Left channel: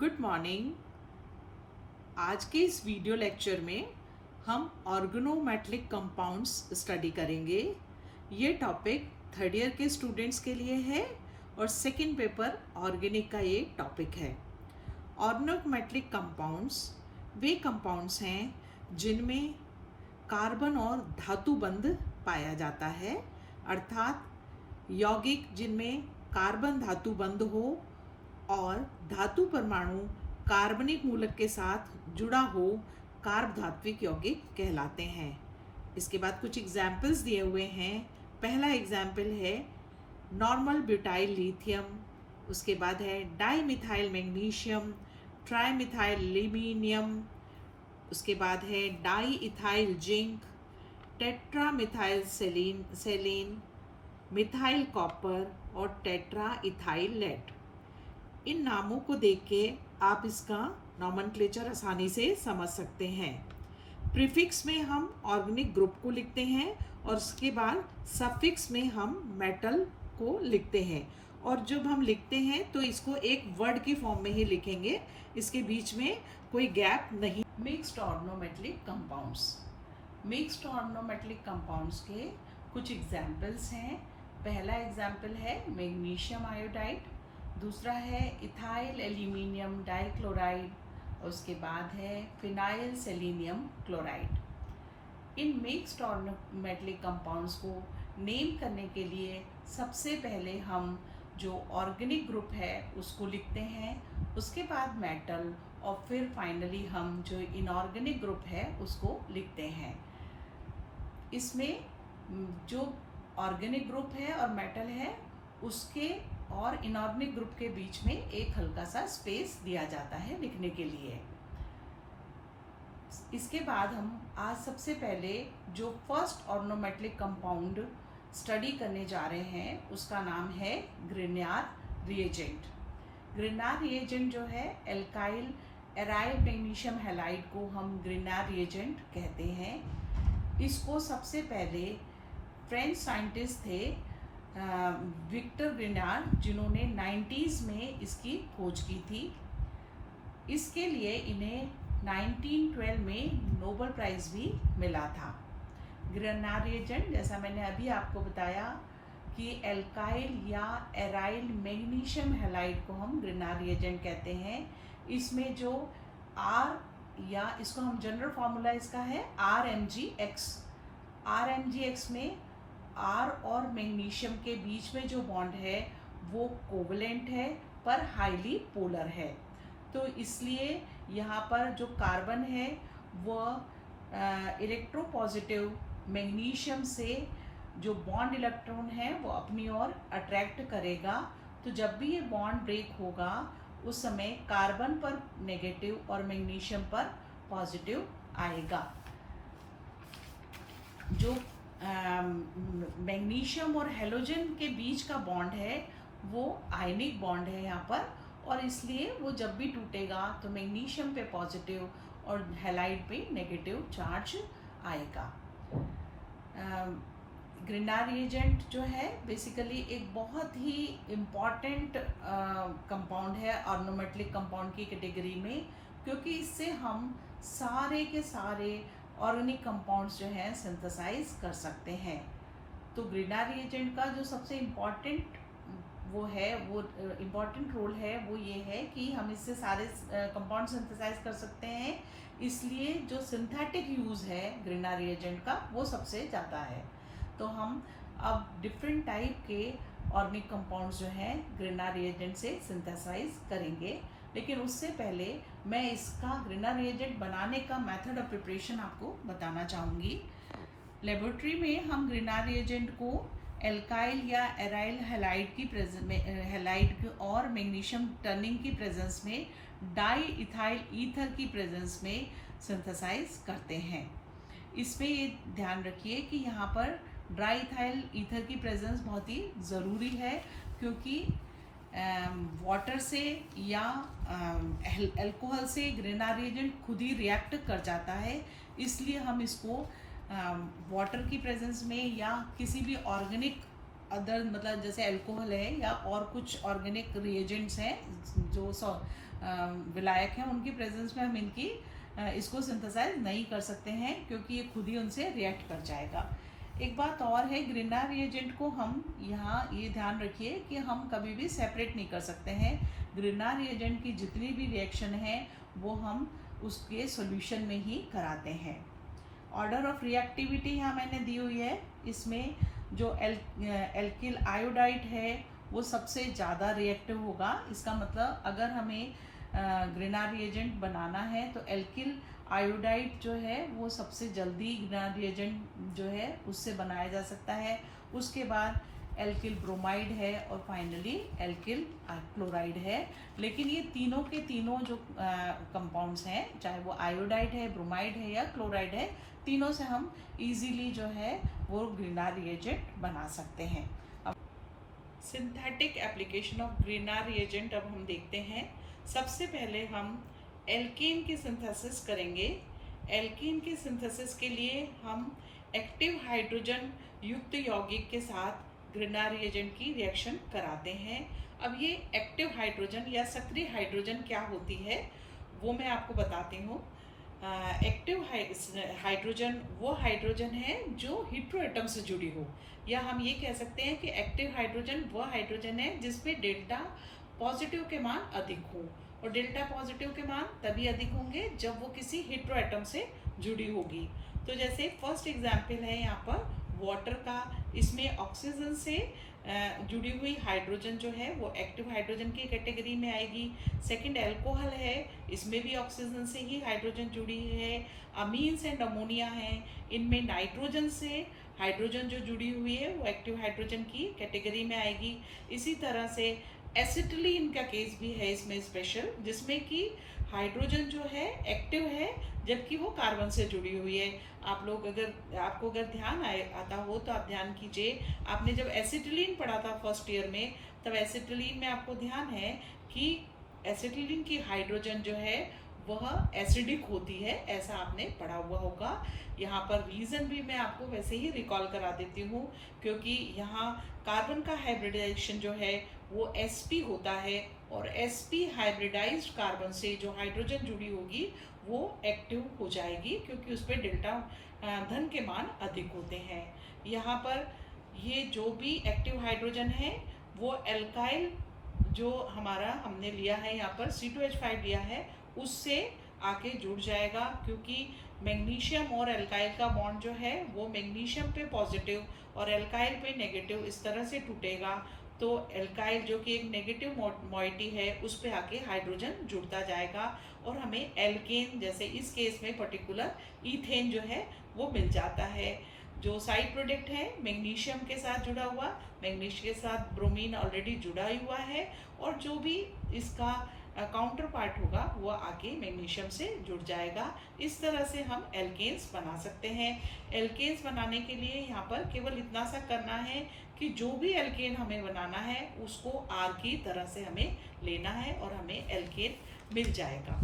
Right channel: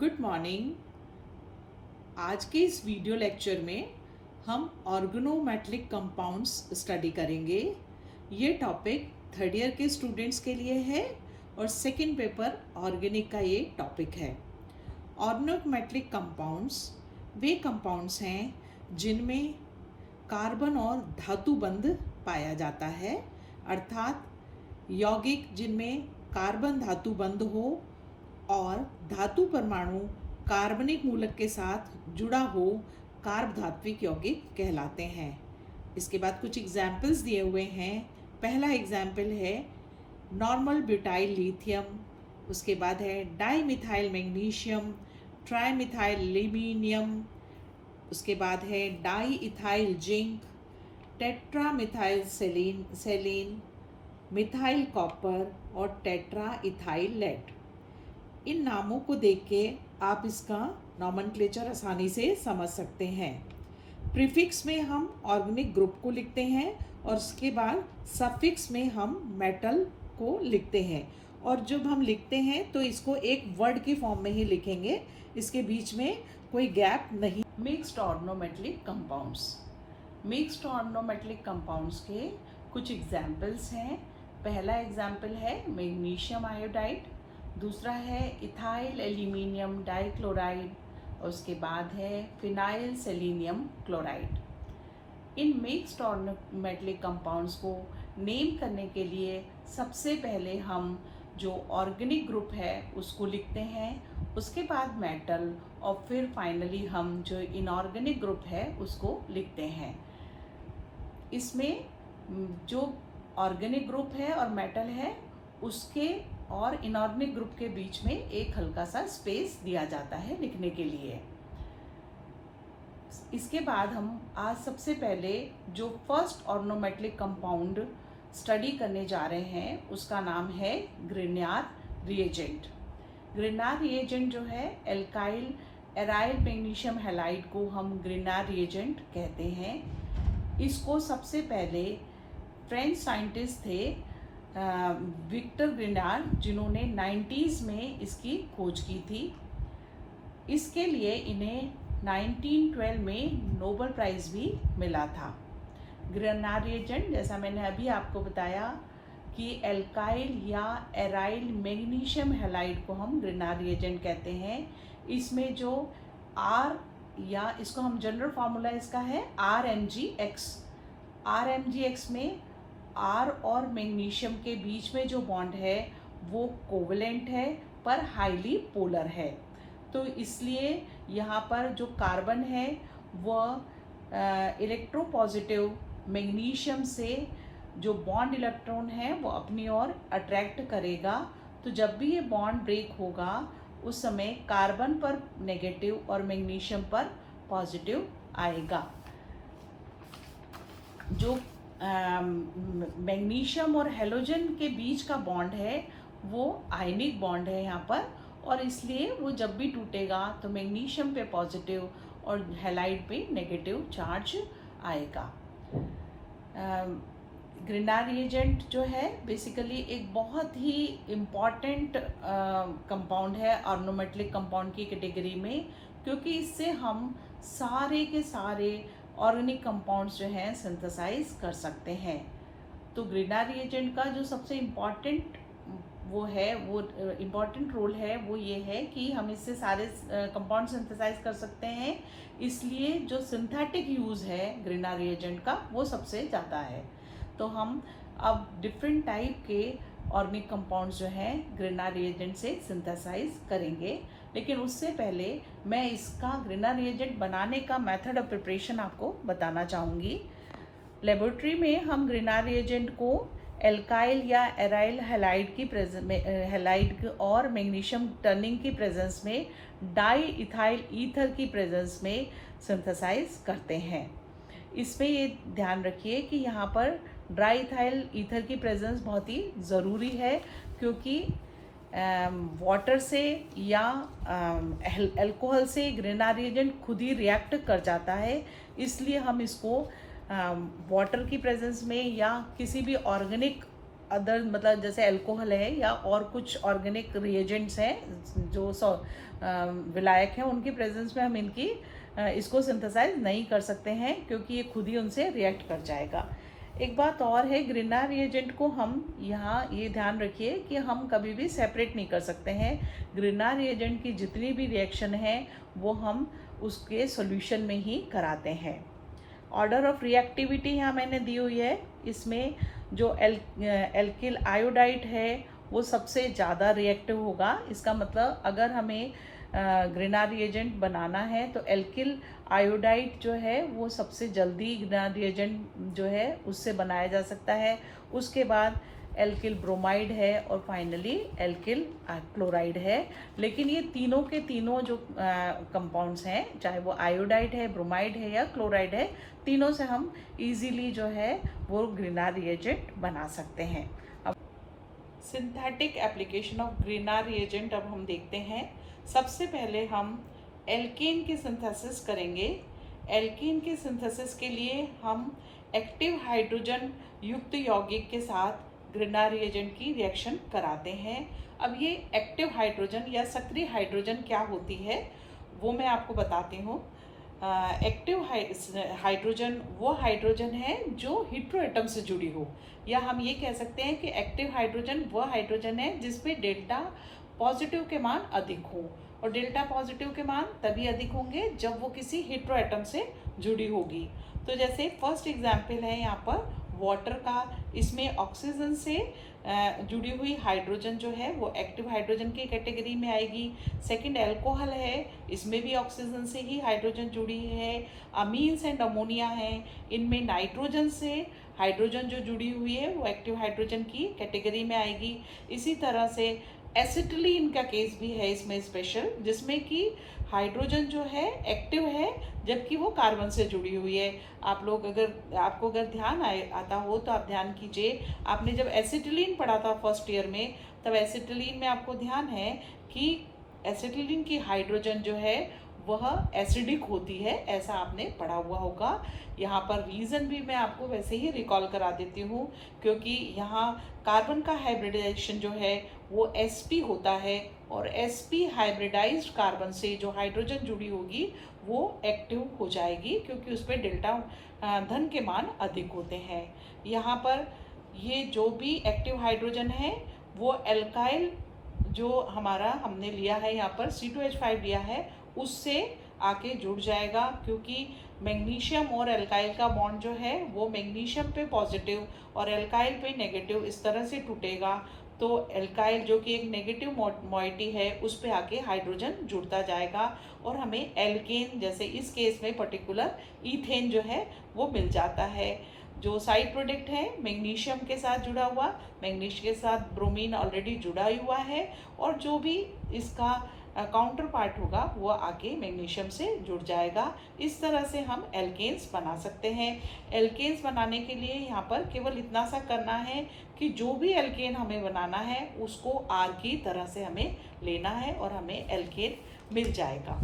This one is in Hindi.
Good morning. आज के इस वीडियो लेक्चर में हम ऑर्गेनोमेटेलिक कंपाउंड्स स्टडी करेंगे। ये टॉपिक थर्ड ईयर के स्टूडेंट्स के लिए है और सेकंड पेपर ऑर्गेनिक का ये टॉपिक है। ऑर्गेनोमेटेलिक कंपाउंड्स वे कंपाउंड्स हैं जिनमें कार्बन और धातु बंध पाया जाता है, अर्थात यौगिक जिनमें कार्बन धातु बंध हो और धातु परमाणु कार्बनिक मूलक के साथ जुड़ा हो कार्बधात्विक यौगिक कहलाते हैं। इसके बाद कुछ एग्जाम्पल्स दिए हुए हैं। पहला एग्जाम्पल है नॉर्मल ब्यूटाइल लिथियम, उसके बाद है डाईमिथाइल मैग्नीशियम, ट्राईमिथाइल एल्यूमिनियम, उसके बाद है di ethyl zinc, टेट्रामिथाइल Celine, methyl copper और टेट्रा इथाइल लेड। इन नामों को देख के आप इसका नॉमेनक्लेचर आसानी से समझ सकते हैं। प्रीफिक्स में हम ऑर्गेनिक ग्रुप को लिखते हैं और उसके बाद सफिक्स में हम मेटल को लिखते हैं, और जब हम लिखते हैं तो इसको एक वर्ड की फॉर्म में ही लिखेंगे, इसके बीच में कोई गैप नहीं। Mixed organometallic compounds, mixed organometallic compounds के कुछ एग्जाम्पल्स हैं। पहला एग्जाम्पल है मैग्नीशियम आयोडाइड, दूसरा है इथाइल एल्यूमिनियम डाइक्लोराइड और उसके बाद है phenyl selenium chloride. In mixed organometallic compounds को नेम करने के लिए सबसे पहले हम जो ऑर्गेनिक ग्रुप है उसको लिखते हैं, उसके बाद मेटल और फिर फाइनली हम जो इनऑर्गेनिक ग्रुप है उसको लिखते हैं। इसमें जो ऑर्गेनिक ग्रुप है और मेटल है उसके और इनऑर्गेनिक ग्रुप के बीच में एक हल्का सा स्पेस दिया जाता है लिखने के लिए। इसके बाद हम आज सबसे पहले जो फर्स्ट ऑर्गेनोमेटेलिक कंपाउंड स्टडी करने जा रहे हैं उसका नाम है ग्रिग्नार्ड रिएजेंट। ग्रिग्नार्ड रिएजेंट जो है एल्काइल एराइल मैग्नीशियम हैलाइड को हम ग्रिग्नार्ड रिएजेंट कहते हैं। इसको सबसे पहले फ्रेंच साइंटिस्ट थे विक्टर ग्रिग्नार्ड, जिन्होंने 90s में इसकी खोज की थी। इसके लिए इन्हें 1912 में नोबेल प्राइज़ भी मिला था। ग्रिग्नार्ड रिएजेंट, जैसा मैंने अभी आपको बताया कि एल्काइल या एराइल मैग्नीशियम हैलाइड को हम ग्रिग्नार्ड रिएजेंट कहते हैं। इसमें जो आर या इसको हम जनरल फार्मूला इसका है RMgX। RMgX में आर और मैग्नीशियम के बीच में जो बॉन्ड है वो कोवेलेंट है पर हाईली पोलर है, तो इसलिए यहाँ पर जो कार्बन है वह इलेक्ट्रोपॉजिटिव मैग्नीशियम से जो बॉन्ड इलेक्ट्रॉन है वो अपनी ओर अट्रैक्ट करेगा। तो जब भी ये बॉन्ड ब्रेक होगा उस समय कार्बन पर नेगेटिव और मैग्नीशियम पर पॉजिटिव आएगा। जो मैग्नीशियम और हेलोजन के बीच का बॉन्ड है वो आयनिक बॉन्ड है यहाँ पर, और इसलिए वो जब भी टूटेगा तो मैग्नीशियम पे पॉजिटिव और हैलाइड पे नेगेटिव चार्ज आएगा। ग्रिग्नार्ड रिएजेंट जो है बेसिकली एक बहुत ही इम्पॉर्टेंट कंपाउंड है ऑर्गेनोमेटेलिक कंपाउंड की कैटेगरी में, क्योंकि इससे हम सारे के सारे ऑर्गेनिक कंपाउंड्स जो हैं सिंथेसाइज कर सकते हैं। तो ग्रिग्नार्ड रिएजेंट का जो सबसे इम्पॉर्टेंट इम्पॉर्टेंट रोल है वो ये है कि हम इससे सारे कंपाउंड सिंथेसाइज कर सकते हैं, इसलिए जो सिंथेटिक यूज़ है ग्रिग्नार्ड रिएजेंट का वो सबसे ज़्यादा है। तो हम अब डिफरेंट टाइप के ऑर्गेनिक कंपाउंड्स जो हैं ग्रिग्नार्ड रिएजेंट से सिंथेसाइज करेंगे, लेकिन उससे पहले मैं इसका ग्रिग्नार्ड रिएजेंट बनाने का मेथड ऑफ प्रिपरेशन आपको बताना चाहूँगी। लेबोरेटरी में हम ग्रिग्नार्ड रिएजेंट को एल्काइल या एराइल हैलाइड की हैलाइड और मैग्नीशियम टर्निंग की प्रेजेंस में डाई इथाइल ईथर की प्रेजेंस में सिंथेसाइज करते हैं। इसमें ये ध्यान रखिए कि यहाँ पर ड्राई इथाइल ईथर की प्रेजेंस बहुत ही ज़रूरी है, क्योंकि वाटर से या अल्कोहल से ग्रिग्नार्ड रिएजेंट खुद ही रिएक्ट कर जाता है, इसलिए हम इसको वाटर की प्रेजेंस में या किसी भी ऑर्गेनिक अदर मतलब जैसे अल्कोहल है या और कुछ ऑर्गेनिक रिएजेंट्स हैं जो विलायक हैं उनकी प्रेजेंस में हम इसको सिंथेसाइज नहीं कर सकते हैं, क्योंकि ये खुद ही उनसे रिएक्ट कर जाएगा। एक बात और है, ग्रिनार रिएजेंट को हम यहाँ ये ध्यान रखिए कि हम कभी भी सेपरेट नहीं कर सकते हैं। ग्रिनार रिएजेंट की जितनी भी रिएक्शन है वो हम उसके सॉल्यूशन में ही कराते हैं। ऑर्डर ऑफ रिएक्टिविटी यहाँ मैंने दी हुई है। इसमें जो एल्किल आयोडाइड है वो सबसे ज़्यादा रिएक्टिव होगा। इसका मतलब अगर हमें ग्रिनार रिएजेंट बनाना है तो एल्किल आयोडाइड जो है वो सबसे जल्दी ग्रिनार रिएजेंट जो है उससे बनाया जा सकता है। उसके बाद एल्किल ब्रोमाइड है और फाइनली एल्किल क्लोराइड है। लेकिन ये तीनों के तीनों जो कंपाउंड्स हैं, चाहे वो आयोडाइड है, ब्रोमाइड है या क्लोराइड है, तीनों से हम इजीली जो है वो ग्रिनार रिएजेंट बना सकते हैं। अब सिंथेटिक एप्लीकेशन ऑफ ग्रिनार रिएजेंट अब हम देखते हैं। सबसे पहले हम एल्केन की सिंथेसिस करेंगे। एल्केन की सिंथेसिस के लिए हम एक्टिव हाइड्रोजन युक्त यौगिक के साथ ग्रिनार रिएजेंट की रिएक्शन कराते हैं। अब ये एक्टिव हाइड्रोजन या सक्रिय हाइड्रोजन क्या होती है वो मैं आपको बताती हूँ। एक्टिव हाइड्रोजन वो हाइड्रोजन है जो हेटेरोएटम से जुड़ी हो, या हम ये कह सकते हैं कि एक्टिव हाइड्रोजन वो हाइड्रोजन है जिसमें डेल्टा पॉजिटिव के मान अधिक हो, और डेल्टा पॉजिटिव के मान तभी अधिक होंगे जब वो किसी हेटेरोएटम से जुड़ी होगी। तो जैसे फर्स्ट एग्जाम्पल है यहाँ पर वाटर का, इसमें ऑक्सीजन से जुड़ी हुई हाइड्रोजन जो है वो एक्टिव हाइड्रोजन की कैटेगरी में आएगी। सेकंड अल्कोहल है, इसमें भी ऑक्सीजन से ही हाइड्रोजन जुड़ी है। अमीन्स एंड अमोनिया है, इनमें नाइट्रोजन से हाइड्रोजन जो जुड़ी हुई है वो एक्टिव हाइड्रोजन की कैटेगरी में आएगी। इसी तरह से एसिटिलीन का केस भी है इसमें स्पेशल, जिसमें कि हाइड्रोजन जो है एक्टिव है जबकि वो कार्बन से जुड़ी हुई है। आपको अगर ध्यान आता हो तो आप ध्यान कीजिए, आपने जब एसिटिलीन पढ़ा था फर्स्ट ईयर में, तब एसिटिलीन में आपको ध्यान है कि एसिटिलीन की हाइड्रोजन जो है वह एसिडिक होती है, ऐसा आपने पढ़ा हुआ होगा। यहाँ पर रीज़न भी मैं आपको वैसे ही रिकॉल करा देती हूँ, क्योंकि यहाँ कार्बन का हाइब्रिडाइजेशन जो है वो sp होता है, और sp हाइब्रिडाइज्ड कार्बन से जो हाइड्रोजन जुड़ी होगी वो एक्टिव हो जाएगी, क्योंकि उसमें डेल्टा धन के मान अधिक होते हैं। यहाँ पर ये जो भी एक्टिव हाइड्रोजन है वो एल्काइल जो हमने लिया है, यहाँ पर C2H5 लिया है, उससे आके जुड़ जाएगा, क्योंकि मैग्नीशियम और एल्काइल का बॉन्ड जो है वो मैग्नीशियम पे पॉजिटिव और एल्काइल पे नेगेटिव इस तरह से टूटेगा। तो एल्काइल जो कि एक नेगेटिव मॉइटी है उस पे आके हाइड्रोजन जुड़ता जाएगा और हमें एल्केन, जैसे इस केस में पर्टिकुलर ईथेन जो है वो मिल जाता है। जो साइड प्रोडक्ट है मैग्नीशियम के साथ जुड़ा हुआ, मैग्नीशियम के साथ ब्रोमीन ऑलरेडी जुड़ा हुआ है, और जो भी इसका काउंटर पार्ट होगा वो आके मैग्नीशियम से जुड़ जाएगा। इस तरह से हम एल्केन्स बना सकते हैं। एल्केन्स बनाने के लिए यहाँ पर केवल इतना सा करना है कि जो भी एल्केन हमें बनाना है उसको आर की तरह से हमें लेना है और हमें एल्केन मिल जाएगा।